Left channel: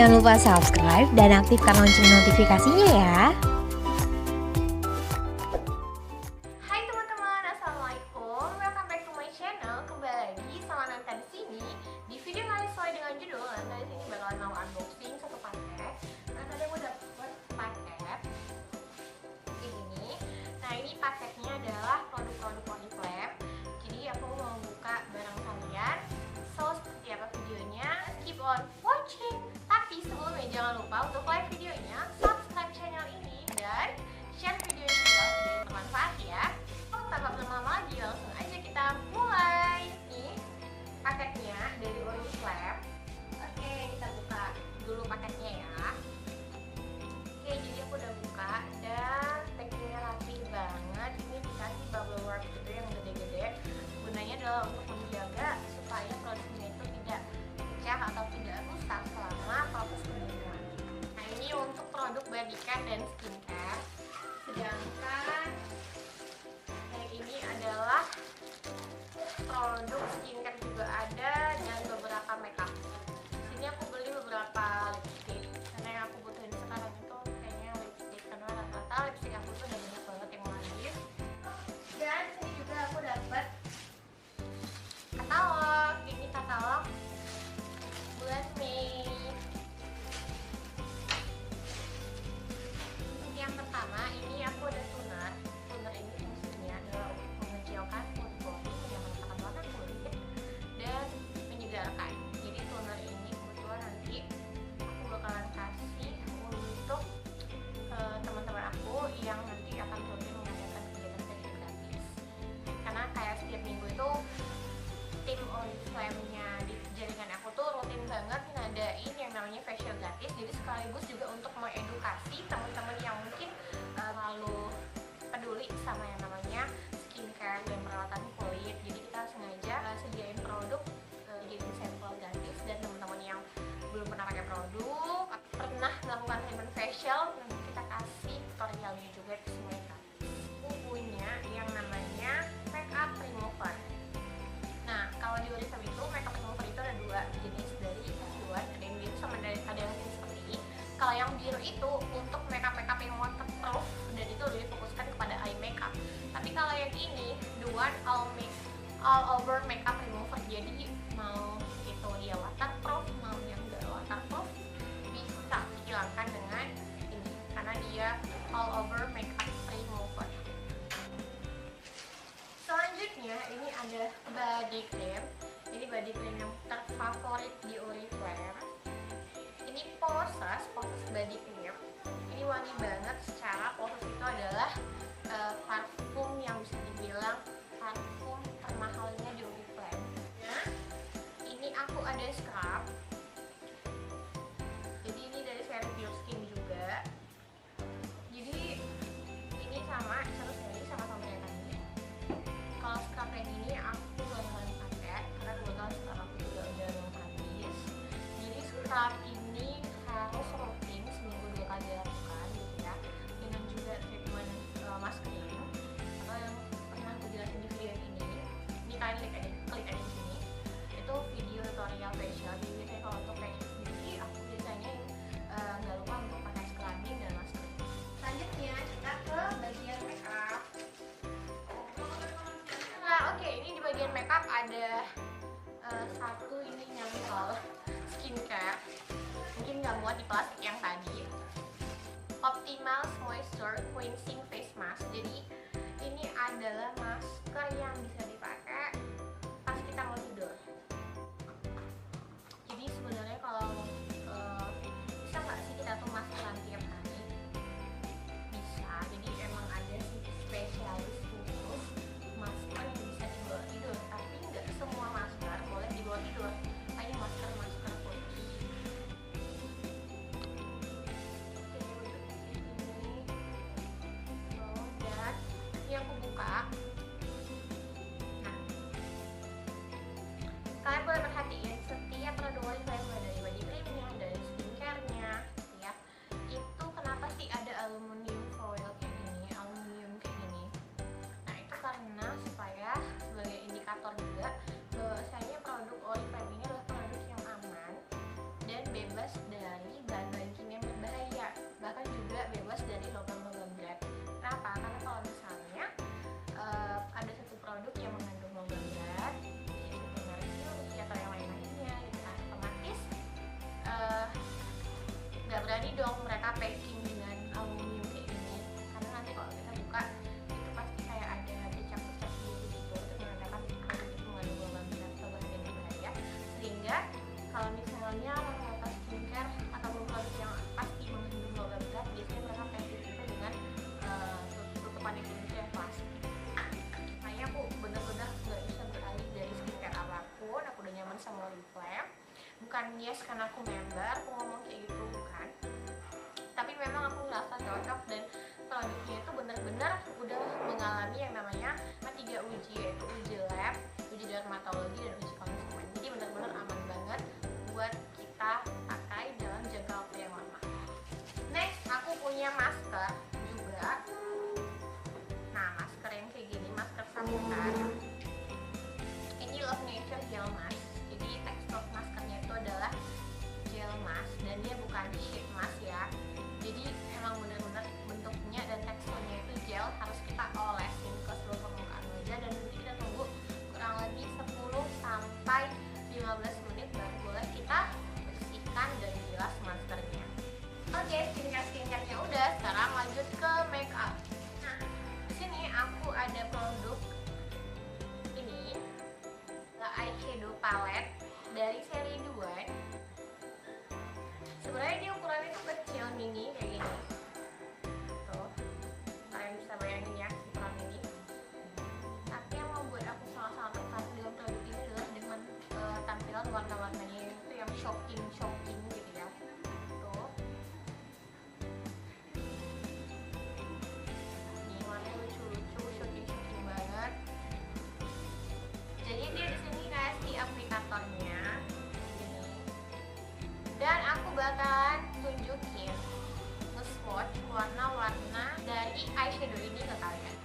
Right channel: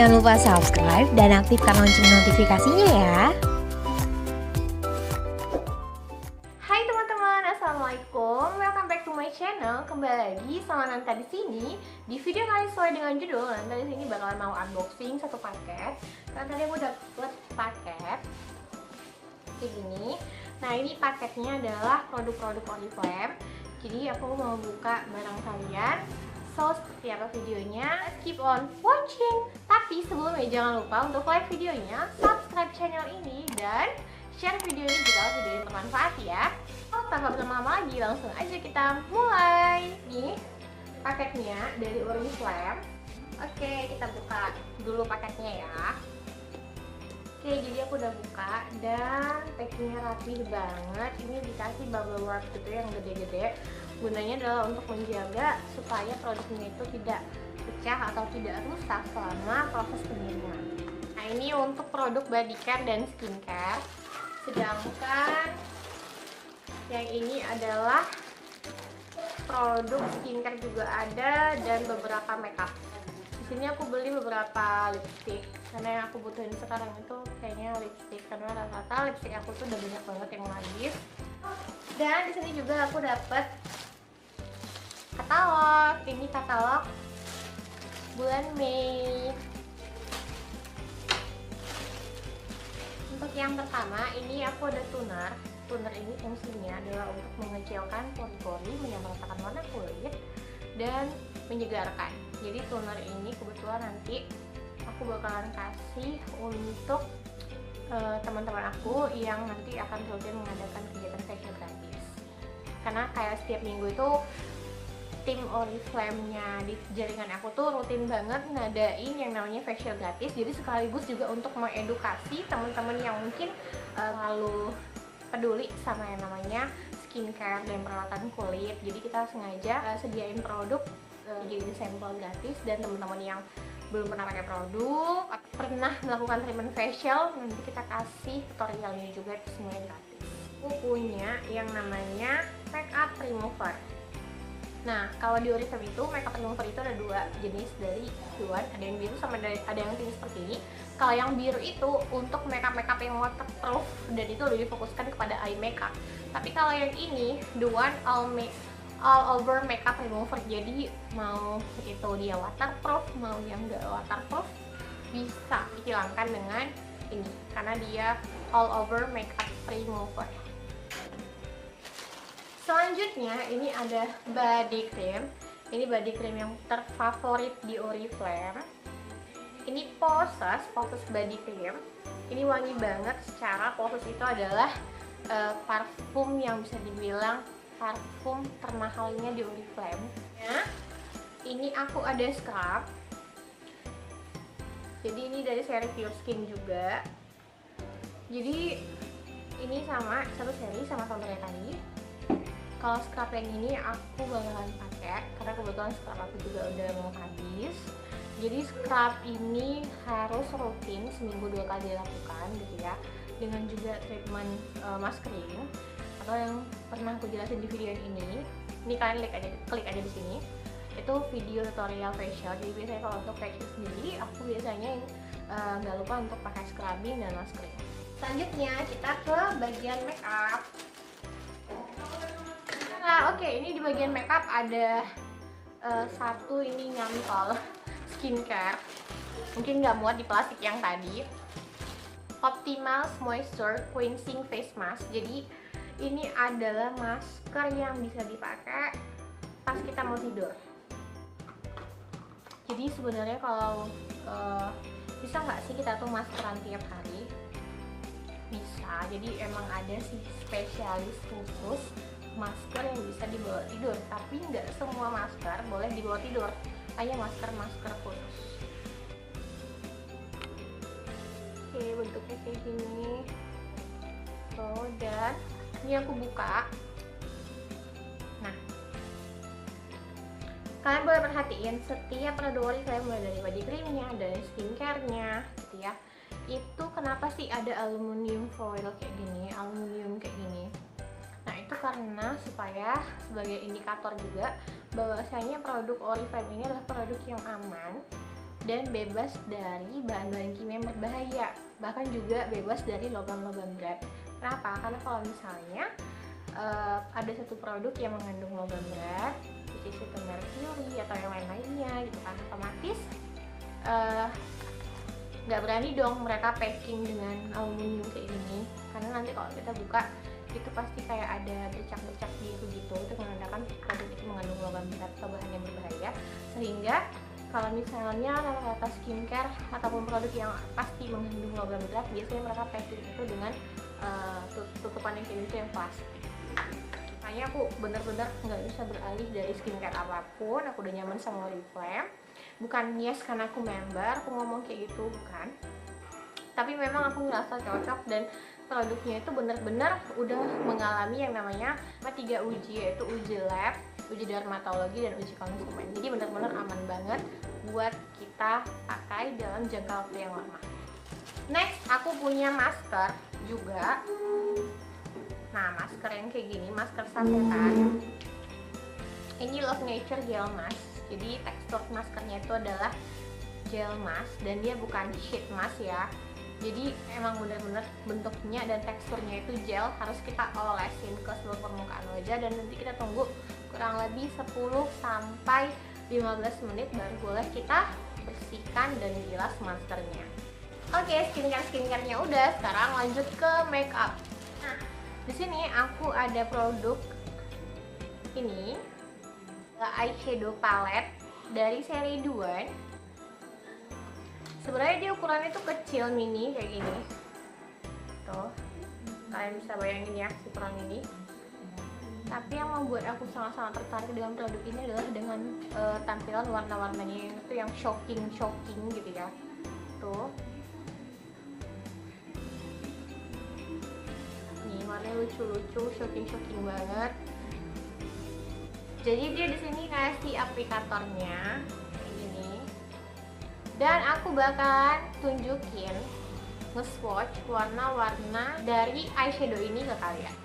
jangan lupa subscribe dan aktifkan lonceng notifikasinya ya. Hai teman-teman, assalamualaikum. Welcome back to my channel. Kembali lagi sama Nanta di sini. Di video kali sesuai dengan judul, Nanta di sini bakalan mau unboxing satu paket. Karena tadi aku dapet paket kayak gini. Nah, ini paketnya adalah produk-produk Oriflame. Jadi aku mau buka barang kalian. So, seperti apa videonya? Let's keep on watching. Tapi sebelumnya jangan lupa untuk like videonya, subscribe channel ini, dan share video ini jika video ini bermanfaat ya. Oh, tanpa berlama-lama lagi, langsung aja kita mulai. Nih paketnya dari Oriflame. Oke, kita buka dulu paketnya ya. Oke, jadi aku udah buka dan packingnya rapi banget. Ini dikasih bubble wrap gitu yang gede-gede. Gunanya adalah untuk menjaga supaya produknya itu tidak pecah atau tidak rusak selama proses pengiriman. Nah, ini untuk produk body care dan skincare. Sedangkan yang ini adalah produk skincare juga ada dan beberapa makeup. Di sini aku beli beberapa lipstick karena yang aku butuhin sekarang itu kayaknya lipstick, karena rata-rata lipstick aku tuh udah banyak banget yang mau habis. Dan di sini juga aku dapet katalog. Ini katalog bulan Mei. Untuk yang pertama ini aku ada toner. Toner ini fungsinya adalah untuk mengecilkan pori-pori, menyemprotkan warna kulit, dan menyegarkan. Jadi toner ini kebetulan nanti aku bakalan kasih untuk teman-teman aku yang nanti akan rutin mengadakan kegiatan facial gratis. Karena kayak setiap minggu itu tim Oriflame-nya di jaringan aku tuh rutin banget ngadain yang namanya facial gratis. Jadi sekaligus juga untuk mengedukasi teman-teman yang mungkin terlalu peduli sama yang namanya skincare dan perawatan kulit. Jadi kita sengaja sediain produk jadi sampel gratis, dan teman-teman yang belum pernah pakai produk, pernah melakukan treatment facial, nanti kita kasih tutorialnya juga, itu semuanya gratis. Aku punya yang namanya makeup remover. Nah, kalau di Oriflame itu makeup remover itu ada dua jenis dari Duan, ada yang biru sama ada yang pink seperti ini. Kalau yang biru itu untuk makeup yang waterproof dan itu lebih difokuskan kepada eye makeup. Tapi kalau yang ini Duan all over makeup remover, jadi mau itu dia waterproof mau yang enggak waterproof bisa dihilangkan dengan ini karena dia all over makeup remover. Selanjutnya ini ada body cream. Ini body cream yang terfavorit di Oriflame. Ini Poses body cream. Ini wangi banget. Secara Poses itu adalah parfum yang bisa dibilang parfum termahalnya di Oriflame. Ya, ini aku ada scrub. Jadi ini dari seri Pure Skin juga. Jadi ini sama satu seri sama contohnya tadi. Kalau scrub yang ini aku bakalan pakai karena kebetulan scrub aku juga udah mau habis. Jadi scrub ini harus rutin seminggu 2 kali dilakukan gitu ya. Dengan juga treatment masking atau yang pernah aku jelasin di video yang ini kalian klik aja di sini. Itu video tutorial facial. Jadi biasanya kalau untuk facial sendiri aku biasanya nggak lupa untuk pakai scrubbing dan masking. Selanjutnya kita ke bagian makeup. Nah, oke, ini di bagian makeup ada satu ini nyantol skincare. Mungkin nggak muat di plastik yang tadi. Optimal Moisture Cleansing Face Mask. Jadi ini adalah masker yang bisa dipakai pas kita mau tidur. Jadi sebenarnya kalau bisa nggak sih kita tuh maskeran tiap hari? Bisa. Jadi emang ada sih spesialis khusus masker yang bisa dibawa tidur. Tapi nggak semua masker boleh dibawa tidur. Hanya masker khusus. Oke, bentuknya kayak gini. Oh, dan ini aku buka. Nah, kalian boleh perhatiin setiap produk Oriflame mulai dari body creamnya, dari skincare-nya gitu ya. Itu kenapa sih ada aluminium foil kayak gini, aluminium kayak gini. Nah, itu karena supaya sebagai indikator juga bahwasanya produk Oriflame ini adalah produk yang aman dan bebas dari bahan-bahan kimia yang berbahaya, bahkan juga bebas dari logam-logam berat. Kenapa? Karena kalau misalnya ada satu produk yang mengandung logam berat, which is itu mercury atau yang lain-lainnya gitu kan, otomatis nggak berani dong mereka packing dengan aluminium kayak gini, karena nanti kalau kita buka itu pasti kayak ada bercak-bercak gitu, itu menandakan produk itu mengandung logam berat atau bahan yang berbahaya. Sehingga kalau misalnya rata-rata skincare ataupun produk yang pasti mengandung logam berat, biasanya mereka packing itu dengan tutupan yang kayak gitu yang plastik. Makanya aku bener-bener nggak bisa beralih dari skincare apapun. Aku udah nyaman sama Oriflame. Bukan yes karena aku member, aku ngomong kayak gitu, bukan. Tapi memang aku ngerasa cocok dan produknya itu bener-bener udah mengalami yang namanya 3 uji, yaitu uji lab, uji dermatologi, dan uji konsumen. Jadi bener-bener aman banget buat kita pakai dalam jangka waktu yang lama. Next, aku punya masker juga. Nah, masker yang kayak gini, masker sasetan. Ini Love Nature Gel Mask. Jadi tekstur maskernya itu adalah gel mask dan dia bukan sheet mask ya. Jadi emang bener-bener bentuknya dan teksturnya itu gel, harus kita olesin ke seluruh permukaan wajah dan nanti kita tunggu kurang lebih 10 sampai 15 menit baru boleh kita bersihkan dan bilas maskernya. Oke, skincare-nya udah, sekarang lanjut ke makeup. Nah, di sini aku ada produk ini, eyeshadow palette dari seri Duan. Sebenarnya dia ukurannya tuh kecil, mini kayak gini. Tuh, kalian bisa bayangin ya ukuran ini. Tapi yang membuat aku sangat-sangat tertarik dengan produk ini adalah dengan tampilan warna-warnanya itu yang shocking gitu ya. Tuh. Nih warnanya lucu-lucu, shocking banget. Jadi dia di sini kasih aplikatornya kayak gini. Dan aku bakalan tunjukin nge-swatch warna-warna dari eyeshadow ini ke kalian.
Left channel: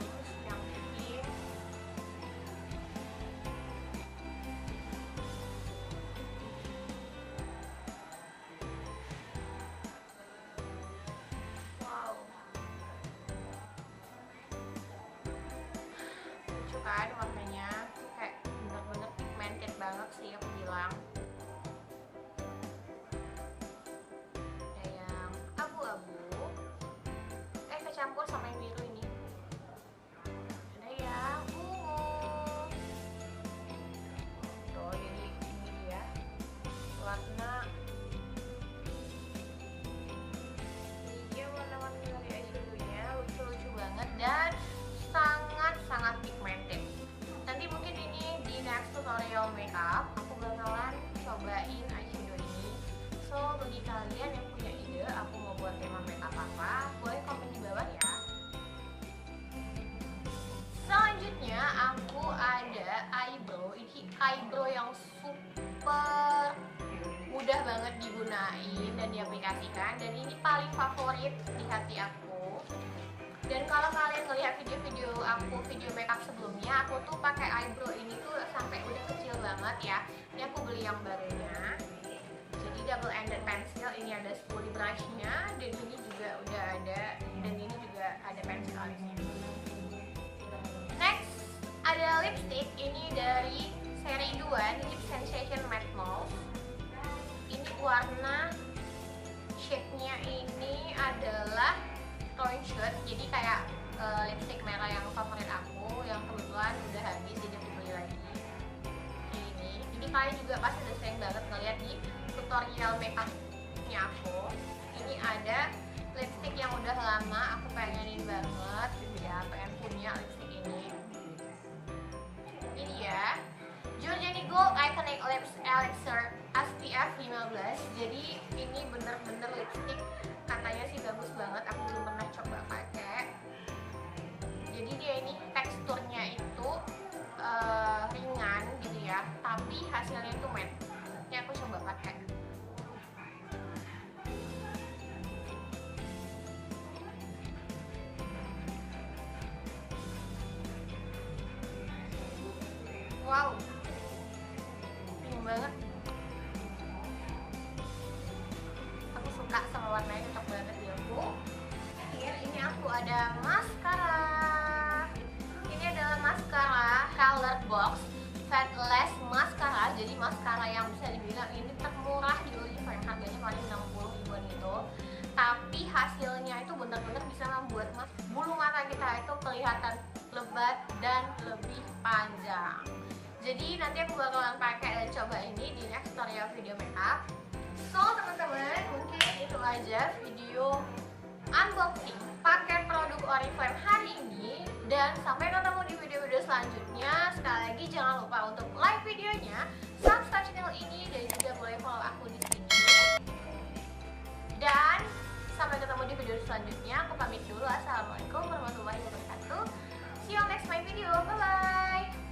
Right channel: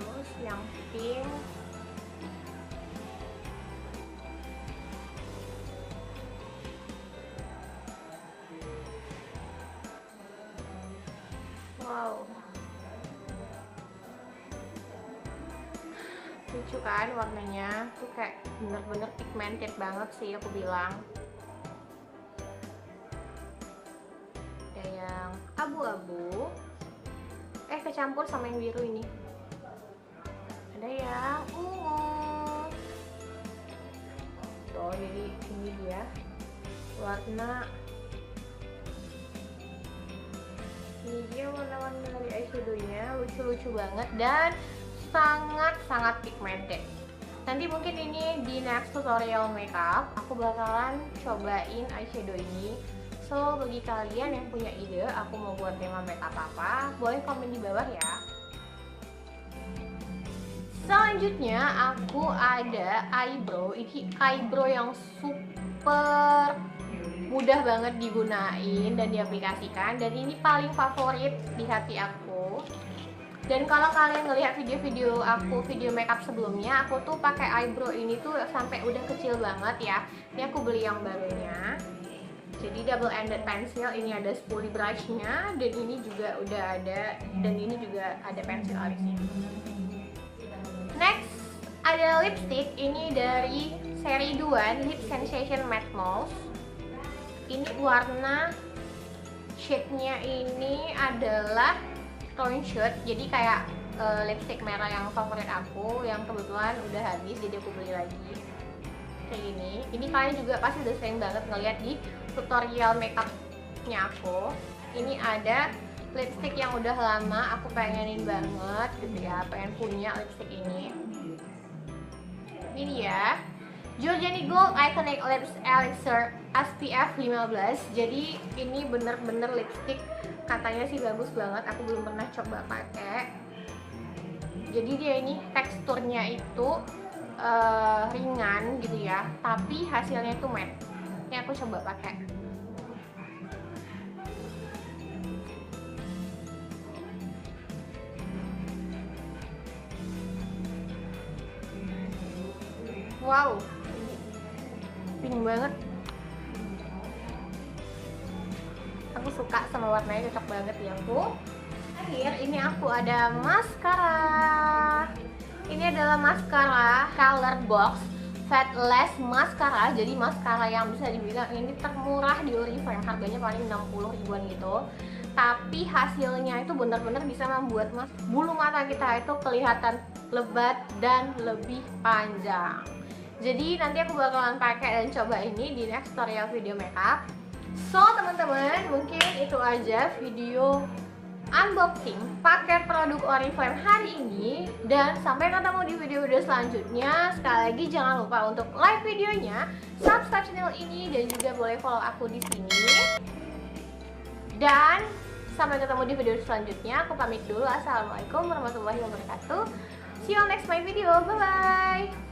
Terus yang pink, wow, lucu kan warnanya, tuh kayak bener-bener pigmented banget sih aku bilang. Ada yang abu-abu, kecampur sama yang biru ini. Ada yang ungu. Tuh, jadi ini dia warna. Ini dia warna-warna dari eyeshadownya, lucu-lucu banget dan sangat pigmented. Nanti mungkin ini di next tutorial makeup aku bakalan cobain eyeshadow ini. So bagi kalian yang punya ide aku mau buat tema makeup apa, boleh komen di bawah ya. Selanjutnya aku ada eyebrow. Ini eyebrow yang super mudah banget digunain dan diaplikasikan, dan ini paling favorit di hati aku. Dan kalau kalian ngelihat video-video aku, video makeup sebelumnya, aku tuh pakai eyebrow ini tuh sampai udah kecil banget ya. Ini aku beli yang barunya. Jadi double ended pencil, ini ada spoolie brushnya, dan ini juga udah ada, dan ini juga ada pensil alisnya. Next ada lipstick, ini dari seri Duan Lip Sensation Matte Mauve. Ini warna shade-nya ini adalah tone shade, jadi kayak lipstick merah yang favorit aku, yang kebetulan udah habis jadi aku beli lagi kayak gini. Ini kalian juga pasti udah sering banget ngeliat di tutorial makeupnya aku. Ini ada lipstick yang udah lama aku pengenin banget gitu ya, pengen punya lipstick ini. Ini dia Giorgiani Gold Iconic Lips Elixir SPF 15. Jadi ini bener-bener lipstick, katanya sih bagus banget, aku belum pernah coba pakai. Jadi dia ini teksturnya itu ringan gitu ya, tapi hasilnya itu matte. Ini aku coba pakai. Wow, pink banget. Aku suka sama warnanya, cocok banget di aku. Terakhir ini aku ada maskara. Ini adalah maskara Color Box Fadeless Mascara. Jadi maskara yang bisa dibilang ini termurah di Oriflame, harganya paling 60 ribuan gitu. Tapi hasilnya itu benar-benar bisa membuat bulu mata kita itu kelihatan lebat dan lebih panjang. Jadi nanti aku bakalan pakai dan coba ini di next tutorial video makeup. So teman-teman, mungkin itu aja video unboxing paket produk Oriflame hari ini, dan sampai ketemu di video-video selanjutnya. Sekali lagi jangan lupa untuk like videonya, subscribe channel ini, dan juga boleh follow aku di sini. Dan sampai ketemu di video selanjutnya. Aku pamit dulu. Assalamualaikum warahmatullahi wabarakatuh. See you on next my video. Bye bye.